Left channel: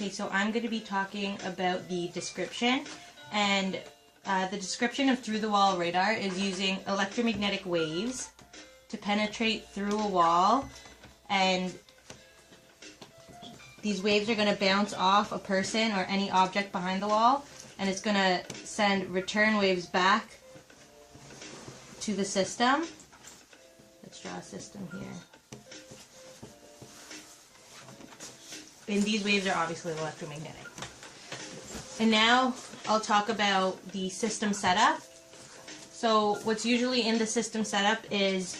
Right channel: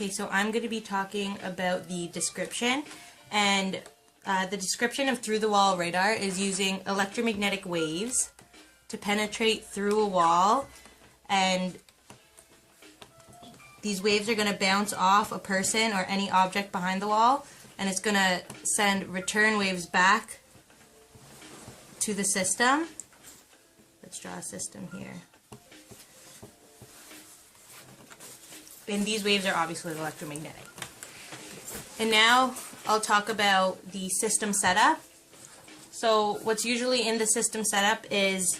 Okay, so I'm going to be talking about the description, and the description of through-the-wall radar is using electromagnetic waves to penetrate through a wall, and these waves are going to bounce off a person or any object behind the wall, and it's going to send return waves back to the system. Let's draw a system here. And these waves are obviously electromagnetic. And now I'll talk about the system setup. So what's usually in the system setup is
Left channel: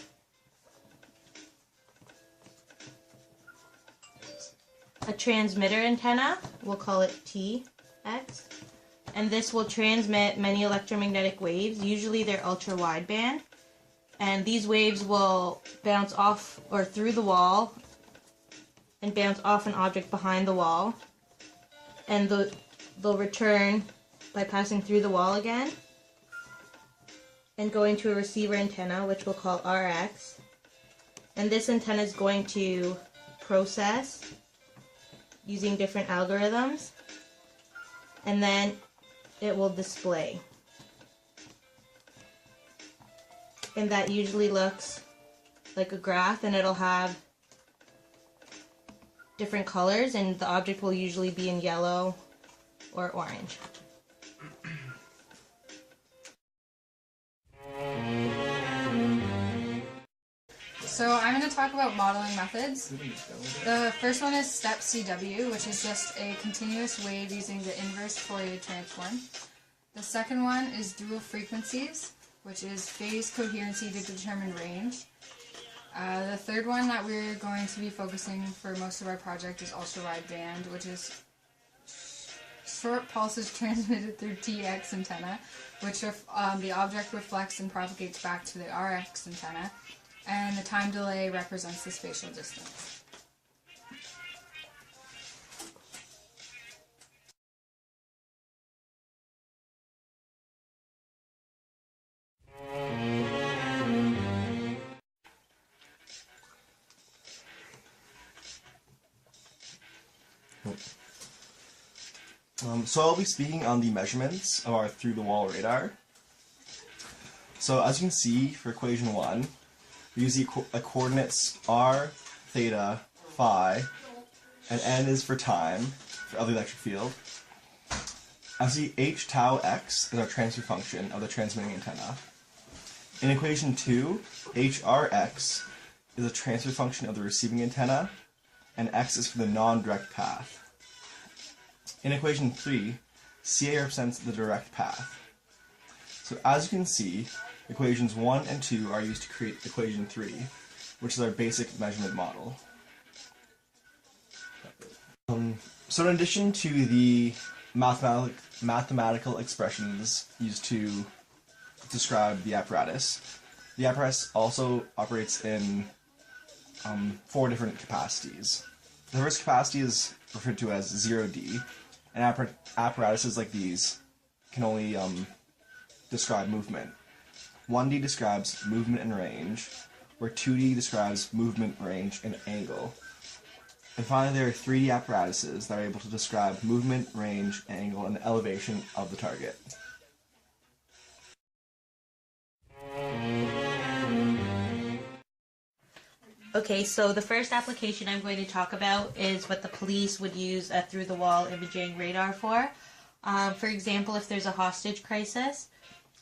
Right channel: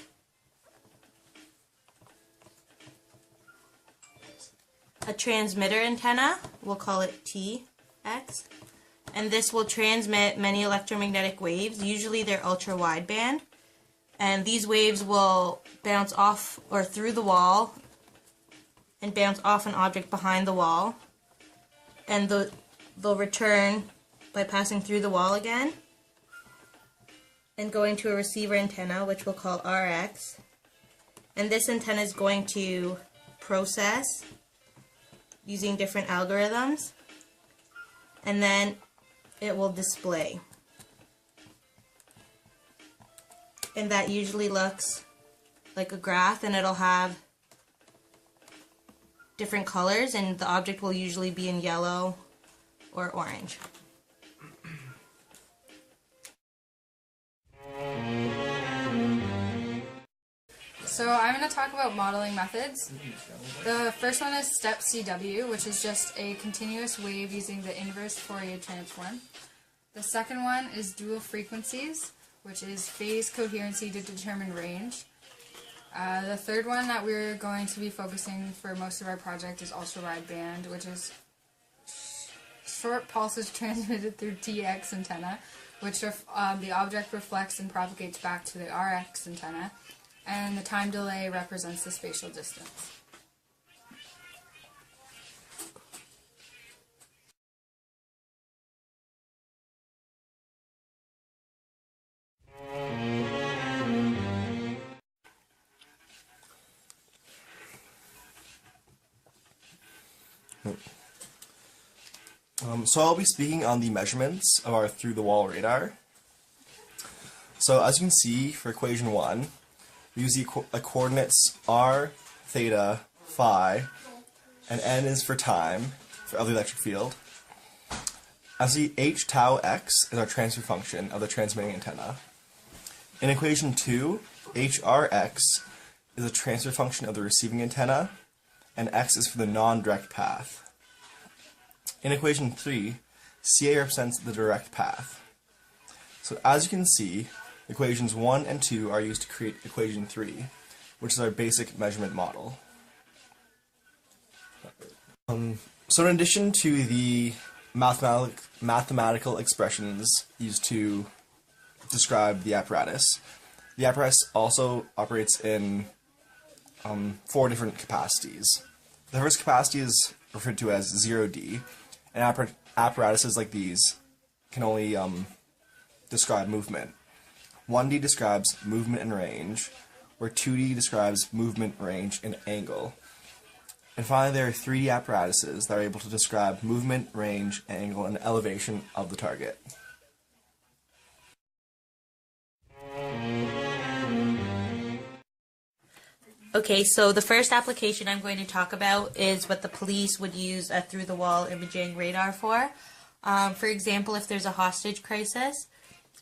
a transmitter antenna, we'll call it TX, and this will transmit many electromagnetic waves. Usually they're ultra wideband, and these waves will bounce off or through the wall and bounce off an object behind the wall, and they'll return by passing through the wall again and going to a receiver antenna, which we'll call RX, and this antenna is going to process using different algorithms, and then it will display, and that usually looks like a graph, and it'll have different colors, and the object will usually be in yellow or orange. So I'm going to talk about modeling methods. The first one is step CW, which is just a continuous wave using the inverse Fourier transform. The second one is dual frequencies, which is phase coherency to determine range. The third one that we're going to be focusing for most of our project is ultra-wideband, which is short pulses transmitted through TX antenna, which the object reflects and propagates back to the RX antenna, and the time delay represents the spatial distance. So I'll be speaking on the measurements of our through-the-wall radar. So as you can see, for equation 1, we use the coordinates r, theta, phi, and n is for time, of the electric field. As the h tau x is our transfer function of the transmitting antenna. In equation 2, hrx is a transfer function of the receiving antenna, and x is for the non-direct path. In equation 3, CA represents the direct path. So as you can see, equations 1 and 2 are used to create equation 3, which is our basic measurement model. So in addition to the mathematical expressions used to describe the apparatus also operates in 4 different capacities. The first capacity is referred to as 0D, and apparatuses like these can only describe movement. 1D describes movement and range, where 2D describes movement, range, and angle. And finally, there are 3D apparatuses that are able to describe movement, range, angle, and elevation of the target. Okay, so the first application I'm going to talk about is what the police would use a through-the-wall imaging radar for. For example, if there's a hostage crisis,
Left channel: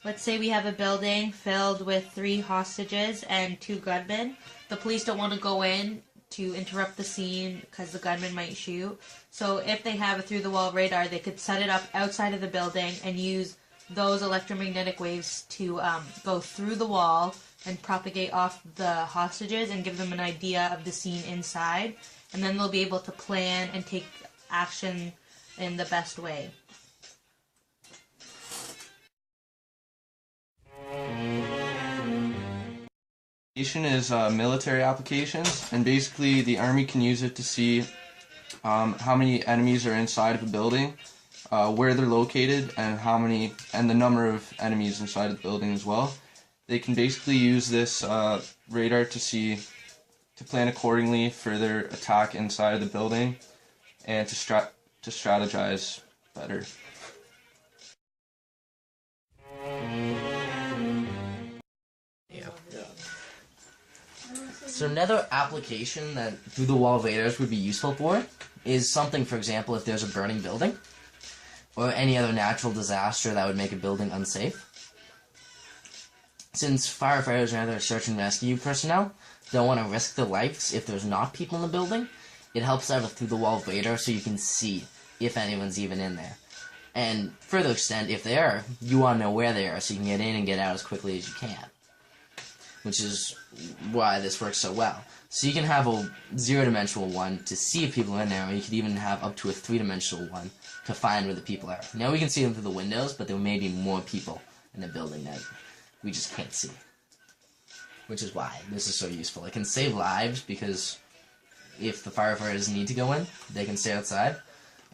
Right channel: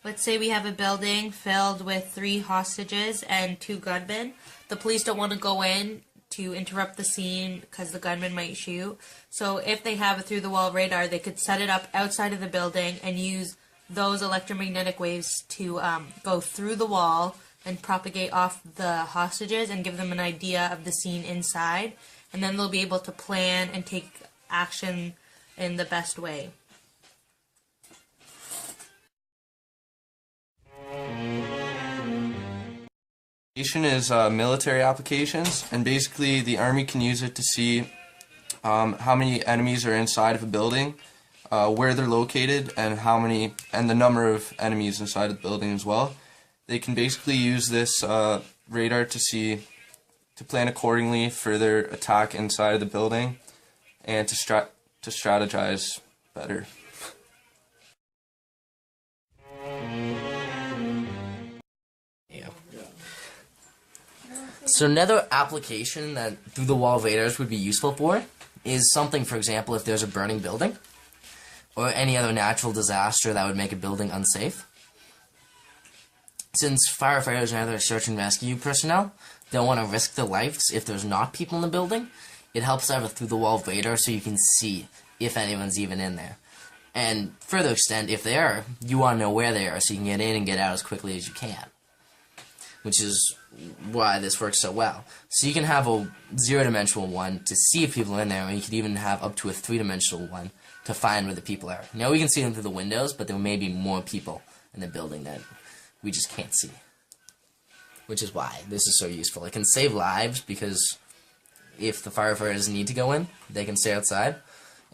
let's say we have a building filled with 3 hostages and 2 gunmen. The police don't want to go in to interrupt the scene because the gunman might shoot. So if they have a through-the-wall radar, they could set it up outside of the building and use those electromagnetic waves to go through the wall and propagate off the hostages and give them an idea of the scene inside, and then they'll be able to plan and take action in the best way. Is military applications, and basically the Army can use it to see how many enemies are inside of a building, where they're located, and the number of enemies inside of the building as well. They can basically use this radar to plan accordingly for their attack inside of the building, and to to strategize better. So another application that through-the-wall radars would be useful for is something, for example, if there's a burning building or any other natural disaster that would make a building unsafe. Since firefighters and other search and rescue personnel don't want to risk their lives if there's not people in the building, it helps to have a through-the-wall radar so you can see if anyone's even in there. And further extent, if they are, you want to know where they are so you can get in and get out as quickly as you can. Which is why this works so well. So you can have a zero-dimensional one to see if people are in there, and you could even have up to a three-dimensional one to find where the people are. Now we can see them through the windows, but there may be more people in the building that we just can't see. Which is why this is so useful. It can save lives because if the firefighters need to go in, they can stay outside,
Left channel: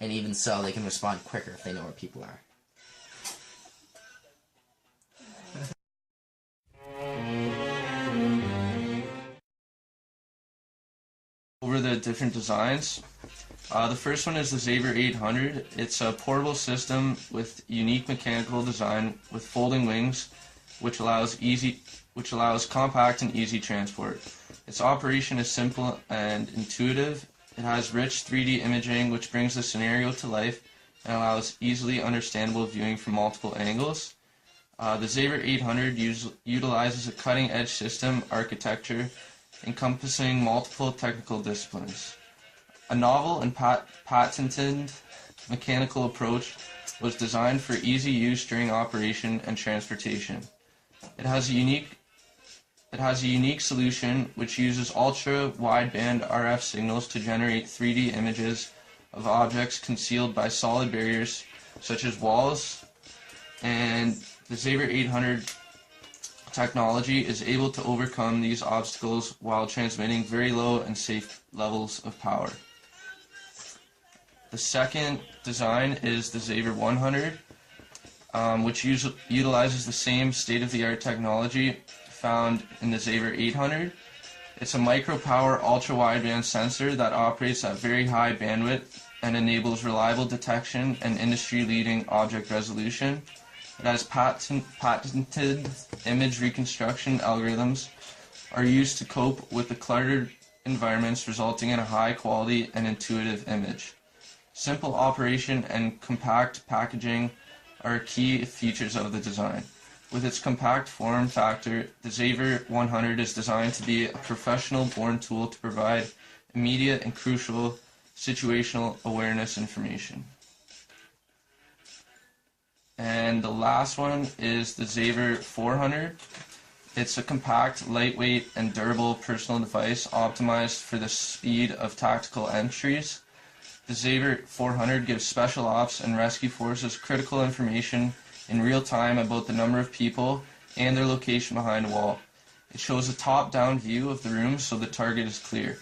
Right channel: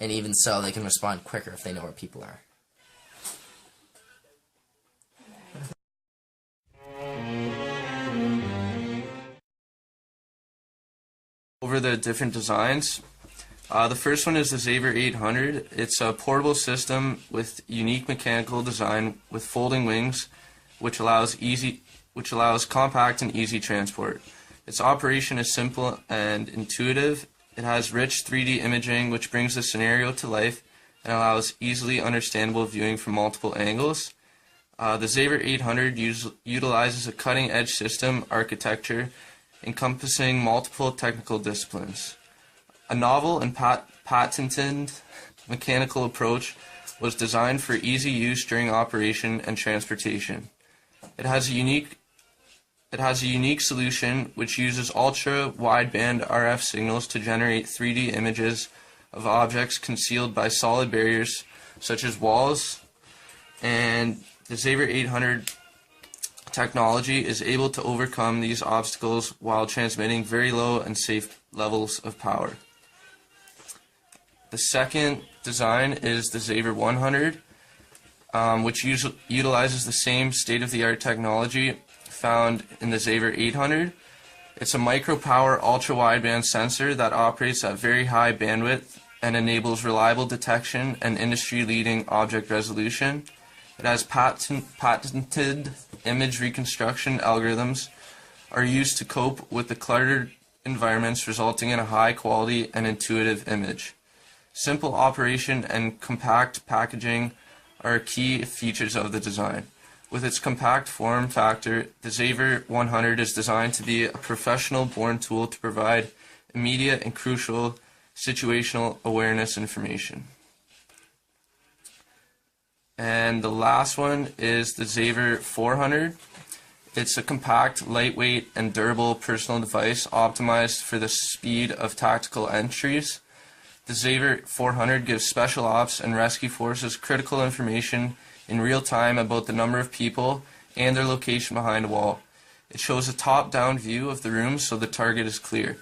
and even so, they can respond quicker if they know where people are. Over the different designs. The first one is the Xaver 800. It's a portable system with unique mechanical design with folding wings, which allows compact and easy transport. Its operation is simple and intuitive. It has rich 3D imaging, which brings the scenario to life and allows easily understandable viewing from multiple angles. The Xaver 800 utilizes a cutting-edge system architecture encompassing multiple technical disciplines. A novel and patented mechanical approach was designed for easy use during operation and transportation. It has a unique solution which uses ultra-wideband RF signals to generate 3D images of objects concealed by solid barriers such as walls, and the Xaver 800 technology is able to overcome these obstacles while transmitting very low and safe levels of power. The second design is the Xaver 100, which utilizes the same state-of-the-art technology found in the Xaver 800. It's a micro-power ultra-wideband sensor that operates at very high bandwidth and enables reliable detection and industry-leading object resolution. It has patented image reconstruction algorithms are used to cope with the cluttered environments, resulting in a high quality and intuitive image. Simple operation and compact packaging are key features of the design. With its compact form factor, the Xaver 100 is designed to be a professional-born tool to provide immediate and crucial situational awareness information. And the last one is the Xaver 400. It's a compact, lightweight, and durable personal device optimized for the speed of tactical entries. The Xaver 400 gives special ops and rescue forces critical information in real time about the number of people and their location behind a wall. It shows a top-down view of the room so the target is clear.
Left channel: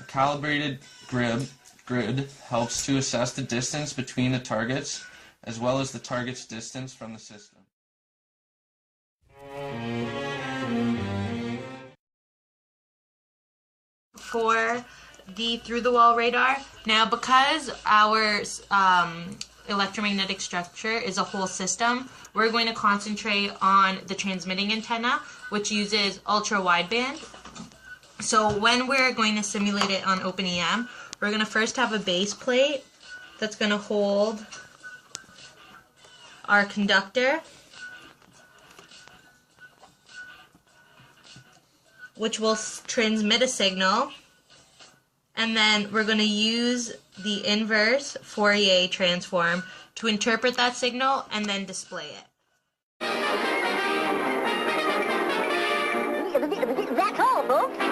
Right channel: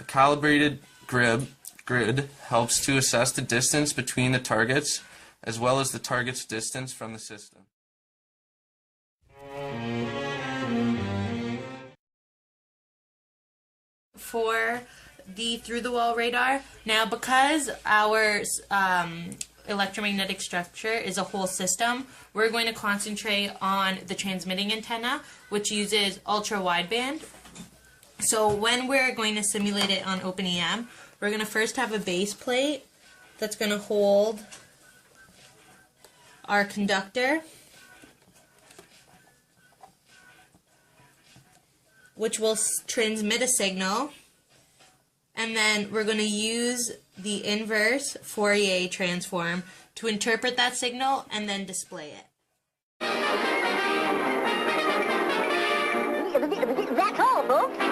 A calibrated grid helps to assess the distance between the targets as well as the target's distance from the system. For the through-the-wall radar, now because our electromagnetic structure is a whole system, we're going to concentrate on the transmitting antenna, which uses ultra-wideband. So when we're going to simulate it on OpenEM, we're going to first have a base plate that's going to hold our conductor, which will transmit a signal, and then we're going to use the inverse Fourier transform to interpret that signal and then display it. That's all, folks.